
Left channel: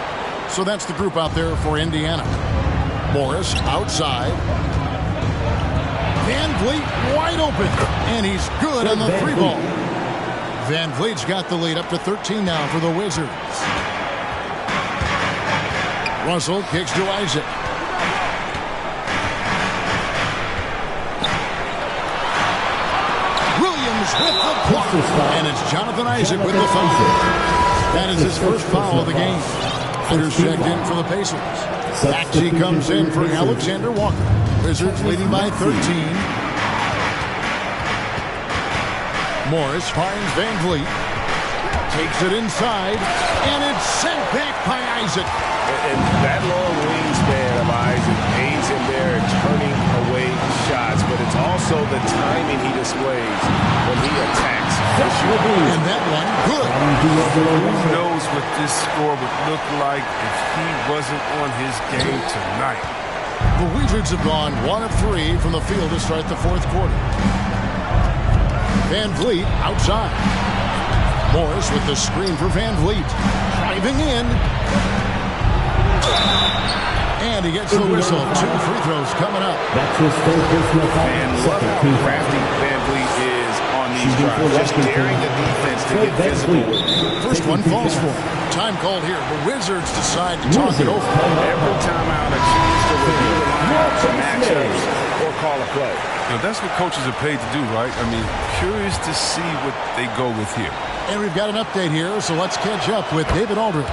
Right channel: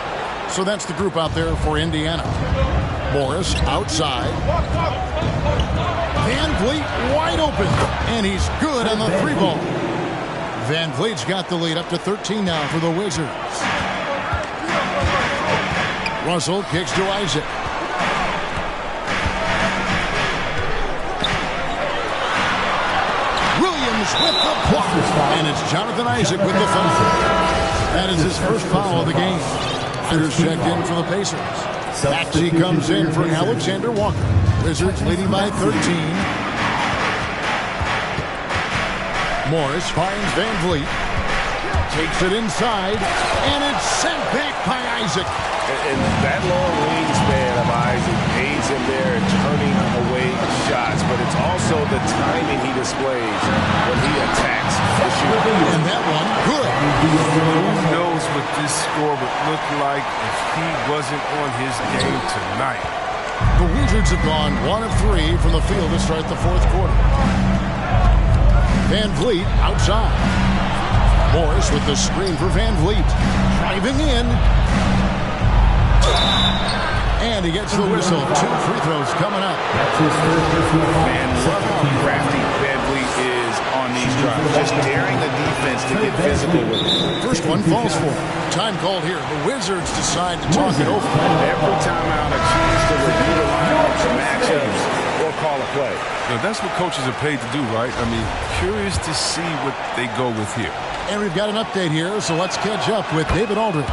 So that's the group out there for Indiana. Morris outside. Van Vliet wide open. And he's good on the three ball. Van Vliet's got the lead up to 13 now for the Wizards. Russell kicks to Isaac. Williams with the block. And it's Jonathan Isaac with the foul. That is his first foul of the game. Riders checked in for the Pacers. Maxey comes in for Alexander Walker. Wizards leading by 13. Morris finds Van Vliet. Takes it inside. And it's sent back by Isaac. And that long wingspan of Isaac aids him there in turning away shots, but it's also the timing he displays when he attacks the shooter. And that one, good. Who knows what this score would look like if he wasn't on his game tonight? The Wizards have gone 1 of 3 from the field to start the fourth quarter. Van Vliet outside. Morris with the screen for Van Vliet. Driving in. And he gets the whistle. 2 free throws coming up. That's his third personal foul. And love how crafty Van Vliet is on these drives. Just daring the defense to get physical with it. First one falls for him. Time called here. The Wizards decide to talk it over. Every time out, a chance to review the lineups, matchups, or call a play. You know, that's what coaches are paid to do, right? I mean, curious to see what they go with here. And we've got an update here, so let's catch up with David Aldridge.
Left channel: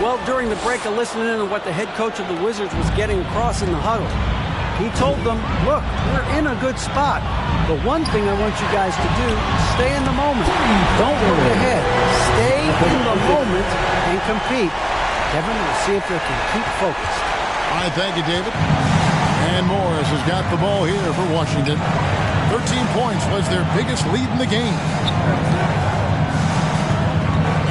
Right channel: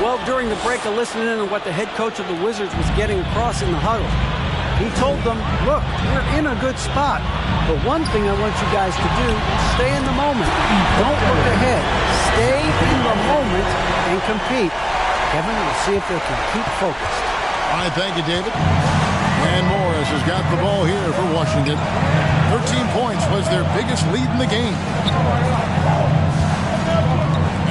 Well, during the break, I listened in on what the head coach of the Wizards was getting across in the huddle. He told them, look, we're in a good spot. The one thing I want you guys to do, stay in the moment. Don't look ahead. Stay in the moment and compete. Kevin, we'll see if they can keep focused. All right, thank you, David. And Morris has got the ball here for Washington. 13 points was their biggest lead in the game.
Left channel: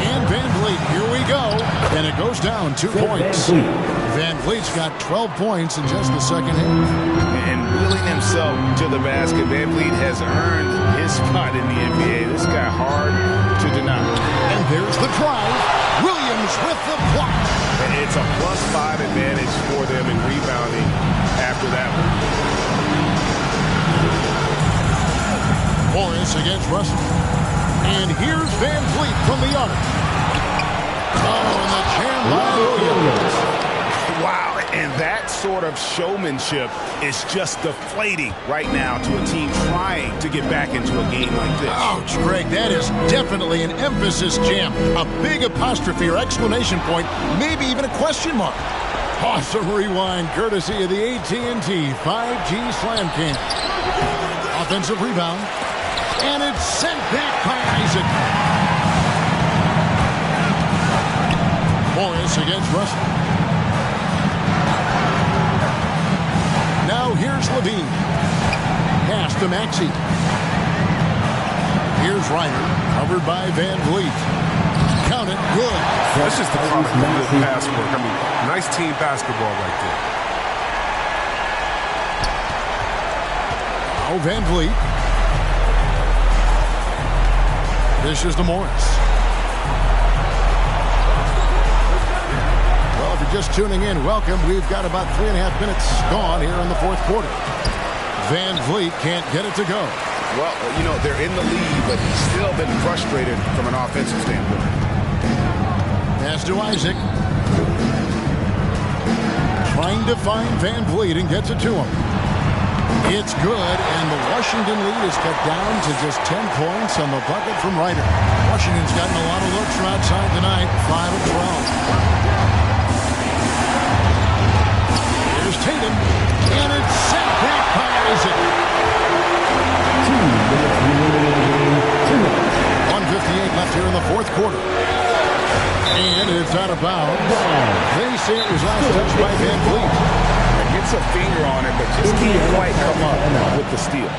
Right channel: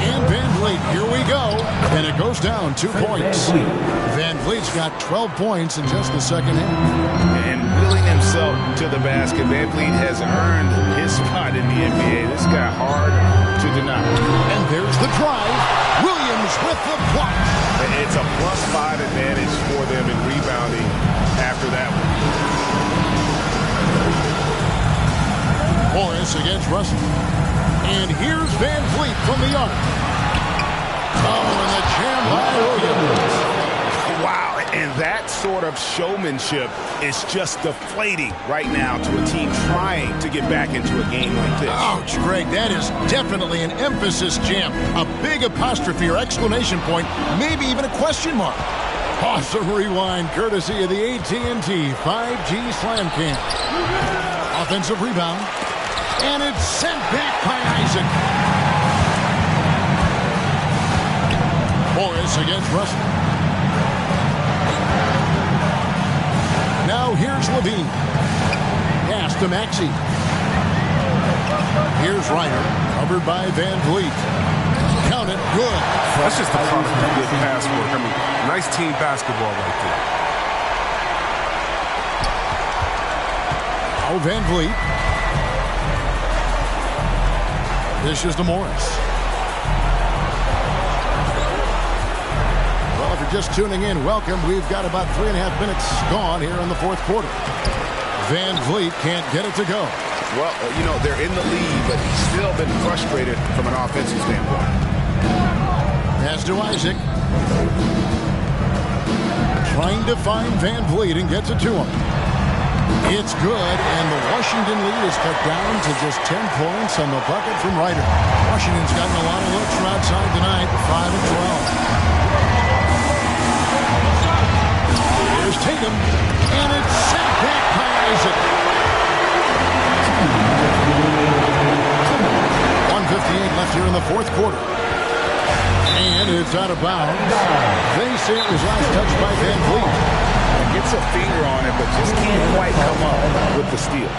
And Van Vliet, here we go. And it goes down 2 points. Van Vliet's got 12 points in just the second half. And willing himself to the basket, Van Vliet has earned his spot in the NBA. This guy hard to deny. And there's the drive. Williams with the block. It's a +5 advantage for them in rebounding after that one. Morris against Russell. And here's Van Vliet from the arc. Oh, and the jam by Williams. Wow, and that sort of showmanship is just deflating right now to a team trying to get back into a game like this. Ouch, Greg, that is definitely an emphasis jam. A big apostrophe or exclamation point, maybe even a question mark. Awesome rewind courtesy of the AT&T 5G Slam Cam. Offensive rebound. And it's sent back by Isaac. Morris against Russell. Now here's LaVine. Pass to Maxey. Here's Ryder, covered by Van Vliet. Count it, good. That's just the product of good pass work. I mean, nice team basketball right there. Now Van Vliet. This is to Morris. Well, if you're just tuning in, welcome. We've got about 3.5 minutes gone here in the fourth quarter. Van Vliet can't get it to go. Well, you know, they're in the lead, but he's still been frustrated from an offensive standpoint. Pass to Isaac. Trying to find Van Vliet and gets it to him. It's good, and the Washington lead is cut down to just 10 points on the bucket from Ryder. Washington's gotten a lot of looks from outside tonight, 5 of 12. Here's Tatum, and it's sent back by Isaac. 1:58 left here in the fourth quarter. And it's out of bounds. They say it was last touched by Van Vliet. Gets a finger on it, but just can't quite come up with the steal.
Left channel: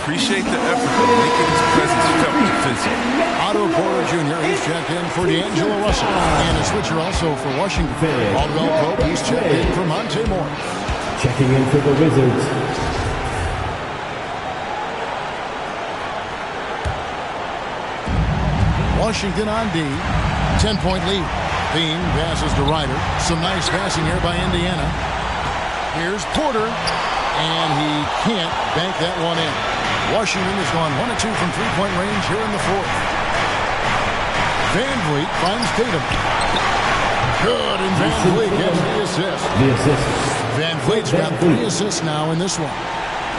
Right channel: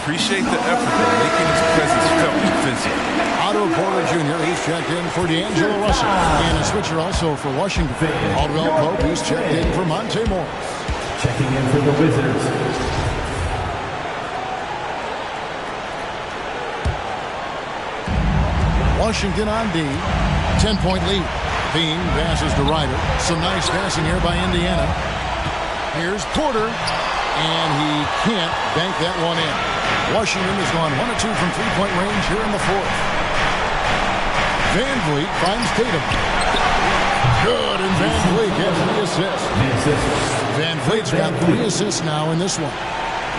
Appreciate the effort of making his presence felt defensively. Otto Porter Jr., he's checked in for D'Angelo Russell. And a switcher also for Washington. Caldwell Pope, he's checked in for Monte Morris. Checking in for the Wizards. Washington on D. 10-point lead. Bean passes to Ryder. Some nice passing here by Indiana. Here's Porter. And he can't bank that one in. Washington has gone 1 of 2 from three-point range here in the fourth. Van Vliet finds Tatum. Good, and Van Vliet gets the assist. Van Vliet's got 3 assists now in this one.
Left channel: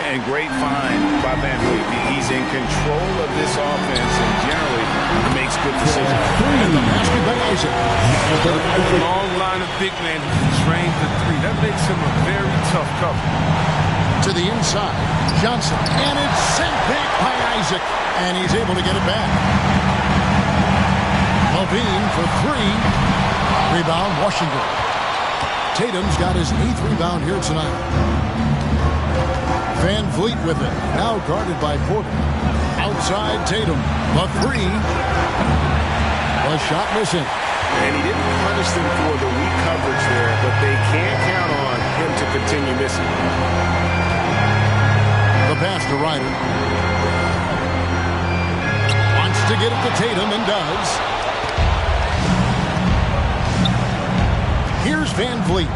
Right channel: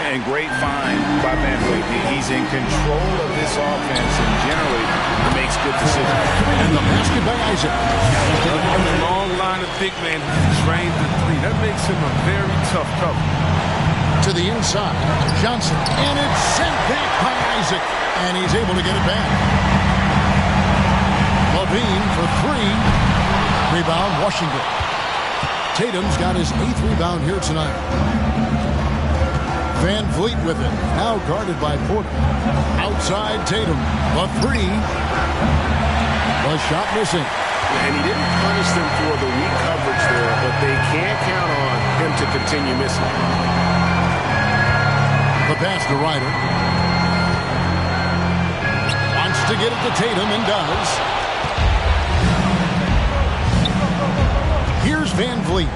And great find by Van Vliet. He's in control of this offense and generally makes good decisions. And the basket by Isaac. A long line of big men who can drain the three. That makes him a very tough cover. To the inside, Johnson, and it's sent back by Isaac, and he's able to get it back. Levine for 3. Rebound, Washington. Tatum's got his 8th rebound here tonight. Van Vliet with it, now guarded by Porter. Outside Tatum, the 3. The shot missing. And he didn't punish them for the weak coverage there, but they can't count on him to continue missing. The pass to Ryder. Wants to get it to Tatum and does. Here's Van Vliet.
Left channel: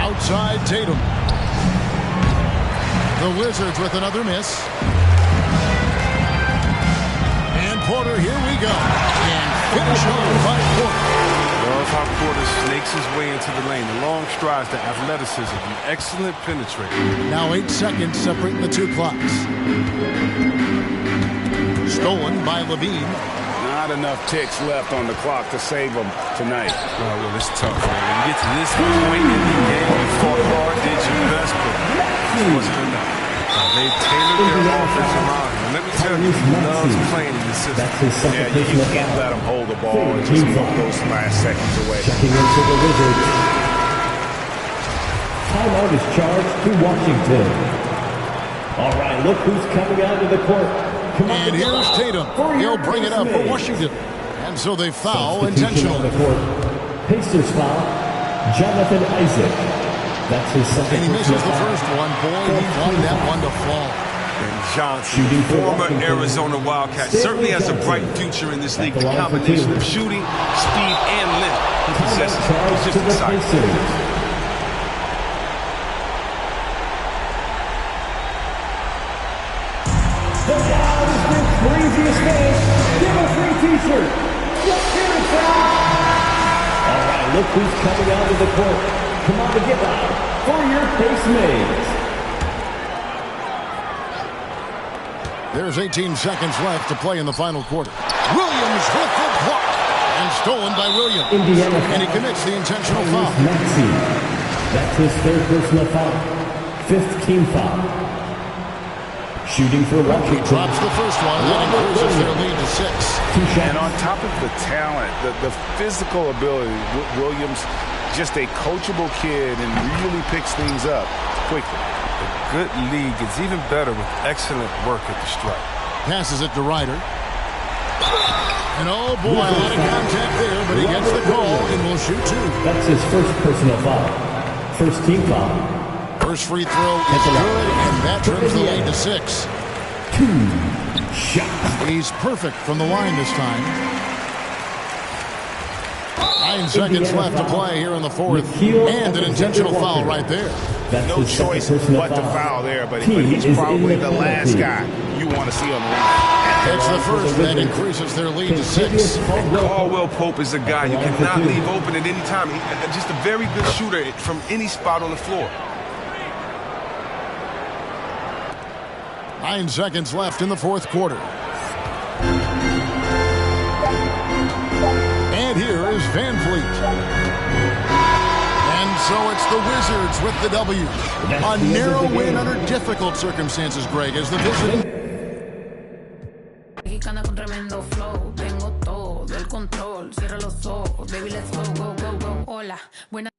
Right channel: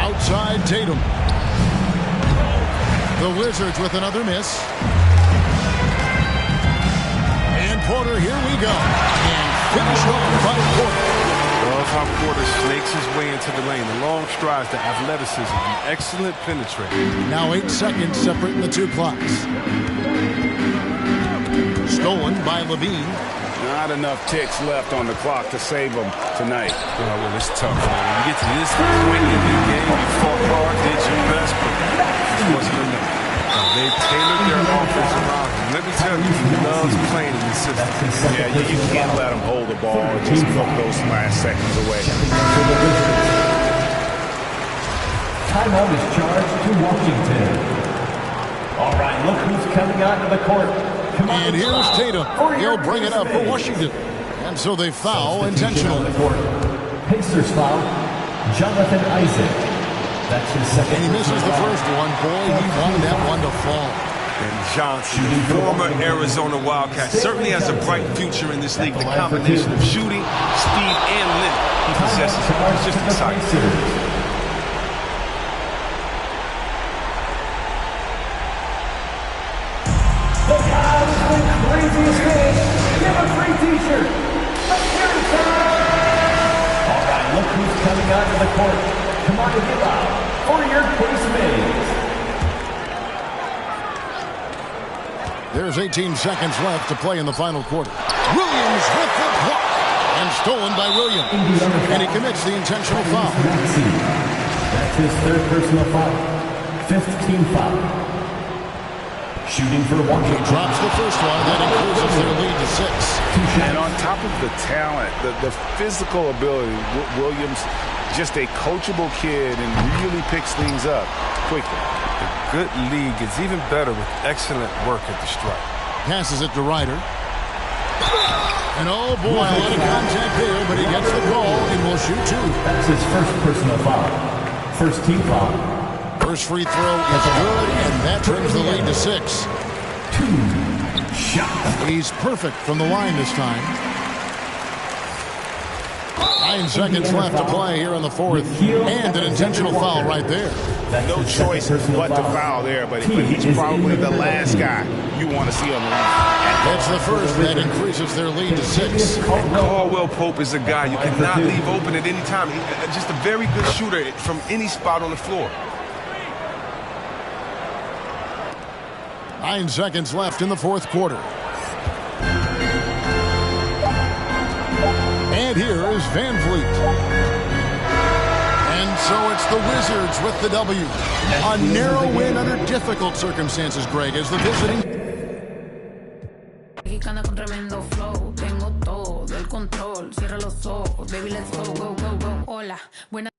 Outside Tatum. The Wizards with another miss. And Porter, here we go. And finished off by Porter. Love how Porter snakes his way into the lane. The long strides, the athleticism, an excellent penetrator. Now 8 seconds separating the 2 clocks. Stolen by Levine. Not enough ticks left on the clock to save them tonight. Oh, well, it's tough, man. When you get to this point in the game, you fought hard, did your best, but it wasn't enough. They tailored their offense around him. Let me tell you, he loves playing in the system. Yeah, you can't let him hold the ball and just milk those last seconds away. Checking into the Wizards. Timeout is charged to Washington. All right, look who's coming onto the court. And here's Tatum. He'll bring it up for Washington. And so they foul intentionally. Pacers foul. Jonathan Isaac. That's his second. And he misses the first one. Boy, he wanted that one to fall. And Johnson, former Arizona Wildcat, certainly has a bright future in this league. The combination of shooting, speed, and length he possesses is just exciting. The crowd has been craziest day. Give a free t-shirt. Let's hear it, all right, look who's coming onto the court. Come on and get loud for your Pace Mays. There's 18 seconds left to play in the final quarter. Williams with the block. And stolen by Williams. And he commits the intentional foul. That's his 3rd personal foul. 5th team foul. Shooting for Washington. He drops the first one, and that increases their lead to 6. And on top of the talent, the physical ability, Williams, just a coachable kid and really picks things up quickly. A good league is even better with excellent work at the stripe. Passes it to Ryder. And oh boy, a lot of contact there, but he gets the call and will shoot 2. That's his 1st personal foul. 1st team foul. First free throw is good, and that trims the lead to 6. 2 shots. He's perfect from the line this time. 9 seconds left to play here in the fourth, and an intentional foul right there. No choice but to foul there, but he's probably the last guy you want to see on the line. It's the first. That increases their lead to 6. And Caldwell Pope is a guy you cannot leave open at any time. He's just a very good shooter from any spot on the floor. 9 seconds left in the fourth quarter. And here is Van Vliet. And so it's the Wizards with the W. A narrow win under difficult circumstances, Greg, as the visiting. Mexicana con tremendo flow, tengo todo el control, cierra los ojos, baby, let's go, go, go, go. Hola, buena.